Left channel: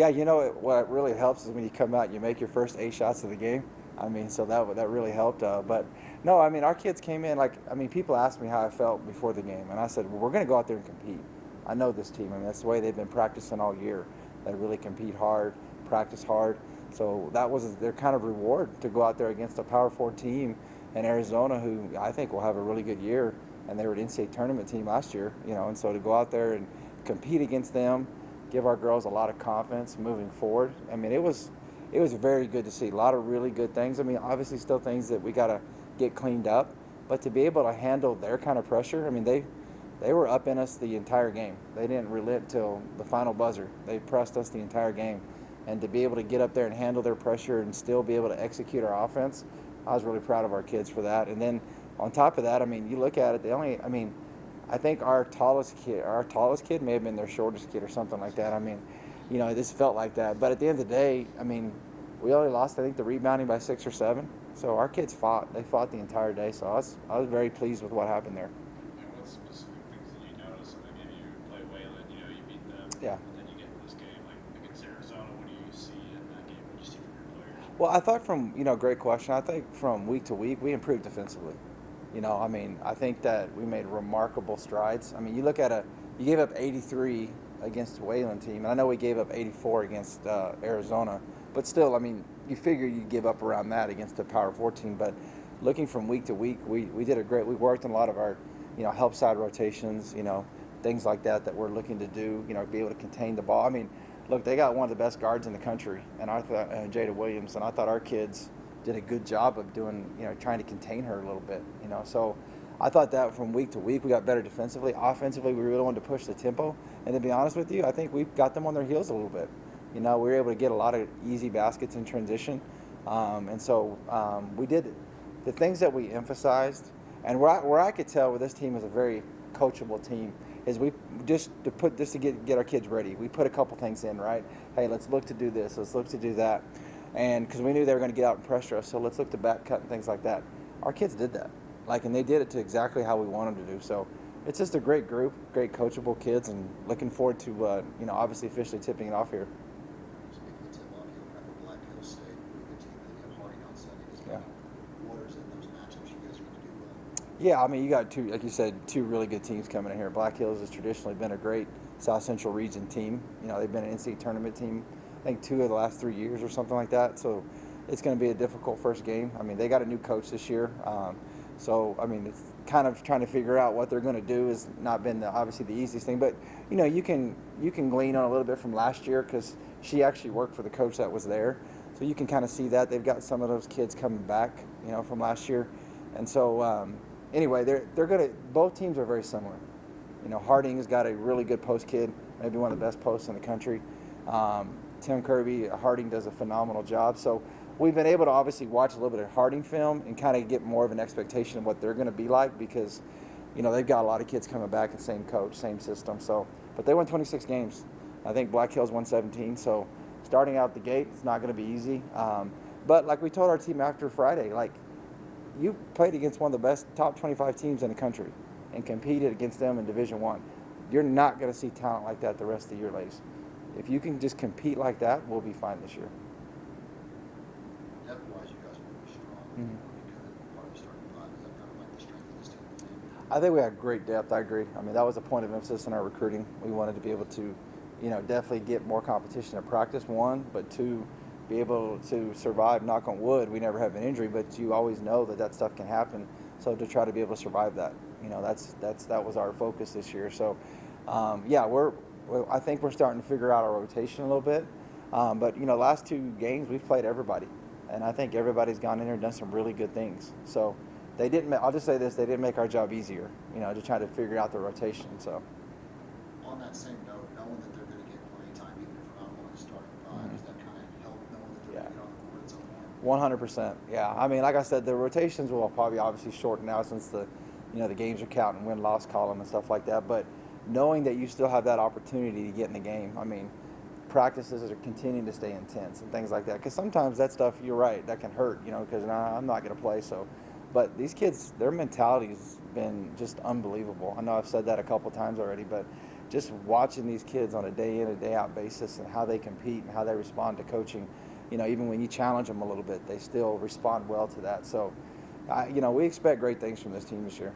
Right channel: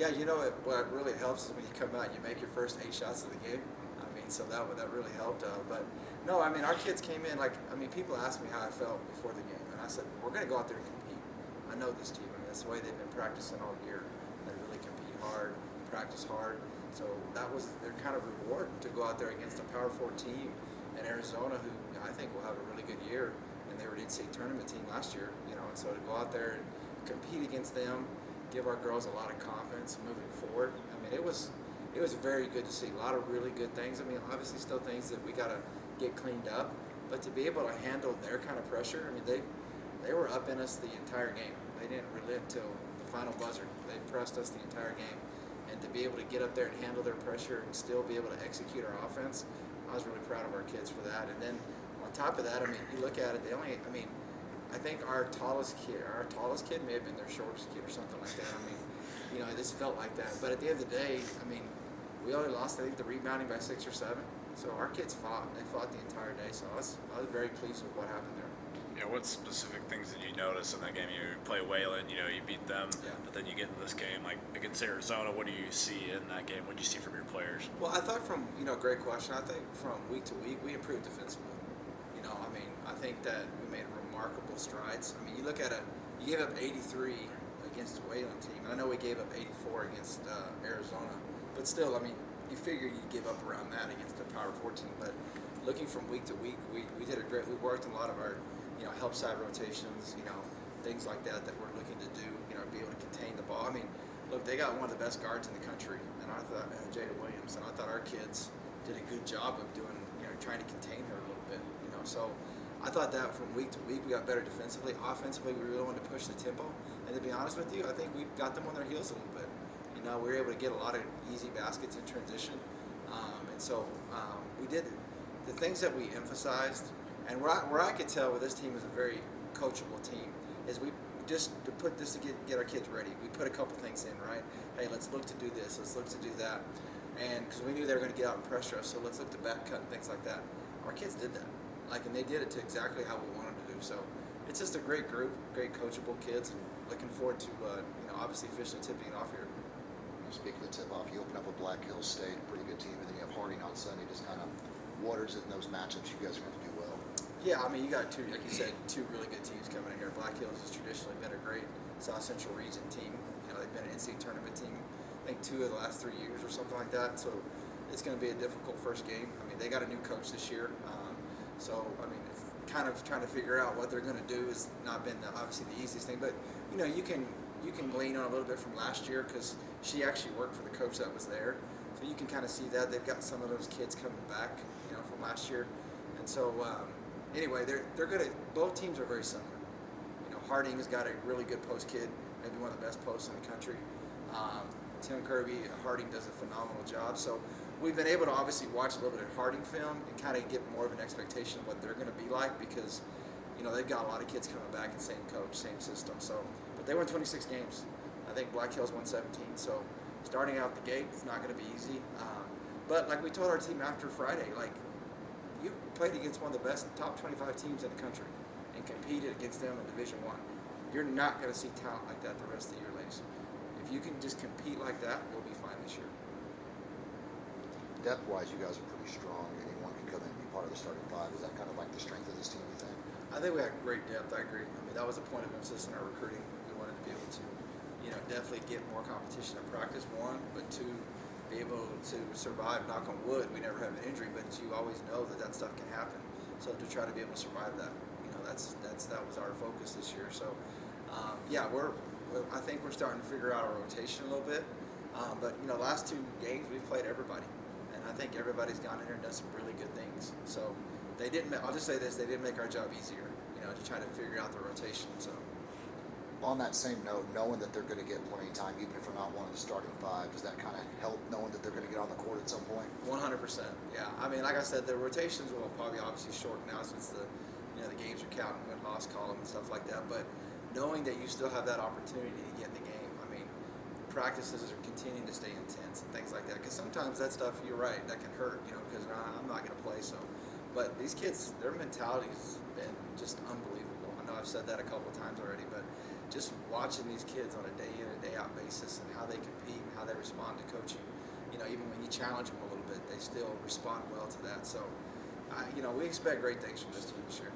Yeah, what really helps is when you come out and you make your first 8 shots of the game. I mean, so that really helped. But no, I mean, our kids came in people asked me how I felt before the game, and I said, well, we're going to go out there and compete. I know this team. I mean, that's the way they've been practicing all year. They really compete hard, practice hard. So that was their kind of reward to go out there against a Power 4 team in Arizona, who I think will have a really good year. And they were an NCAA tournament team last year, and so to go out there and compete against them, give our girls a lot of confidence moving forward. I mean, it was very good to see. A lot of really good things. I mean, obviously still things that we got to get cleaned up, but to be able to handle their kind of pressure, I mean, they were up in us the entire game. They didn't relent till the final buzzer. They pressed us the entire game. And to be able to get up there and handle their pressure and still be able to execute our offense, I was really proud of our kids for that. And then on top of that, I mean, you look at it, I think our tallest kid may have been their shortest kid or something like that. I mean, this felt like that. But at the end of the day, I mean, we only lost, I think, the rebounding by 6 or 7. So our kids fought. They fought the entire day. So I was very pleased with what happened there. Yeah, what specific things did you notice in that game? You play Wayland, you beat them, Yeah. but then you get in this game, like against Arizona. What do you see in that game? What do you see from your players? Well, I thought great question. I think from week to week, we improved defensively. I mean, I think that we made remarkable strides. I mean, you gave up 83 against the Wayland team. I know we gave up 84 against Arizona, but still, I mean, you figure you'd give up around that against a Power 4 team. But looking from week to week, we did a great. We worked on a lot of our, help side rotations, things like that we're looking to do, be able to contain the ball. I mean, look, they got one of the best guards in the country, and I thought Jada Williams, and I thought our kids did a good job of doing, trying to contain her a little bit, So I thought that from week to week we got better defensively. Offensively, we really wanted to push the tempo. And to be honest with you, I think we got them on their heels a little bit. We were able to get a lot of easy baskets in transition. And so we did the things that we emphasized. And where I could tell with this team is a very coachable team is we just to get our kids ready. We put a couple things in, right? Hey, let's look to do this. Let's look to do that. And because we knew they were going to get out and pressure us, so let's look to back cut and things like that. Our kids did that, and they did it to exactly how we wanted to do. So it's just a great group, great coachable kids, and looking forward to obviously officially tipping it off here. Speaking of tip-off, you open up with Black Hills State, pretty good team, and then you have Harding on Sunday. Just kind of waters in those matchups. You guys are going to do well. Yeah, I mean, you got two, like you said, two really good teams coming in here. Black Hills has traditionally been a great South Central region team. They've been an NCAA tournament team, I think 2 of the last 3 years or something like that. So it's going to be a difficult first game. I mean, they got a new coach this year. So, I mean, it's kind of trying to figure out what they're going to do has not been obviously the easiest thing. But, you can glean on a little bit from last year because she actually worked for the coach that was there. So you can kind of see that. They've got some of those kids coming back, from last year. And so, anyway, they're going to – both teams are very similar. Harding's got a really good post kid, maybe one of the best posts in the country. Tim Kirby, Harding does a phenomenal job. So we've been able to obviously watch a little bit of Harding film and kind of get more of an expectation of what they're going to be like because, they've got a lot of kids coming back, the same coach, same system. So, but they won 26 games. I think Black Hills won 17. So starting out the gate, it's not going to be easy. But like we told our team after Friday, you played against one of the best top 25 teams in the country and competed against them in Division I. You're not going to see talent like that the rest of the year, ladies. If you can just compete like that, we'll be fine this year. Depth-wise, you guys are pretty strong. Anyone can come in and be part of the starting 5. Is that kind of like the strength of this team, you think? I think we have great depth. I agree. I mean, that was a point of emphasis in our recruiting. We wanted to be able to, definitely get more competition at practice, 1, but 2, be able to survive, knock on wood. We never have an injury, but you always know that stuff can happen. So to try to be able to survive that, that was our focus this year. So, I think we're starting to figure out our rotation a little bit. But, last 2 games, we've played everybody. And I think everybody's gone in there and done some really good things. So I'll just say this, they didn't make our job easier, to try to figure out the rotation. So on that same note, knowing that they're going to get plenty of time, even if they're not one of the starting 5, does that kind of help knowing that they're going to get on the court at some point? 100%. Yeah. I mean, like I said, the rotations will probably obviously shorten now since the games are counting win-loss column and stuff like that. But knowing that you still have that opportunity to get in the game, I mean, practices are continuing to stay intense and things like that. Because sometimes that stuff, you're right, that can hurt, because I'm not going to play. So, but these kids, their mentality is been just unbelievable. I know I've said that a couple times already, but just watching these kids on a day in and day out basis and how they compete and how they respond to coaching, even when you challenge them a little bit, they still respond well to that. So, we expect great things from this team this year.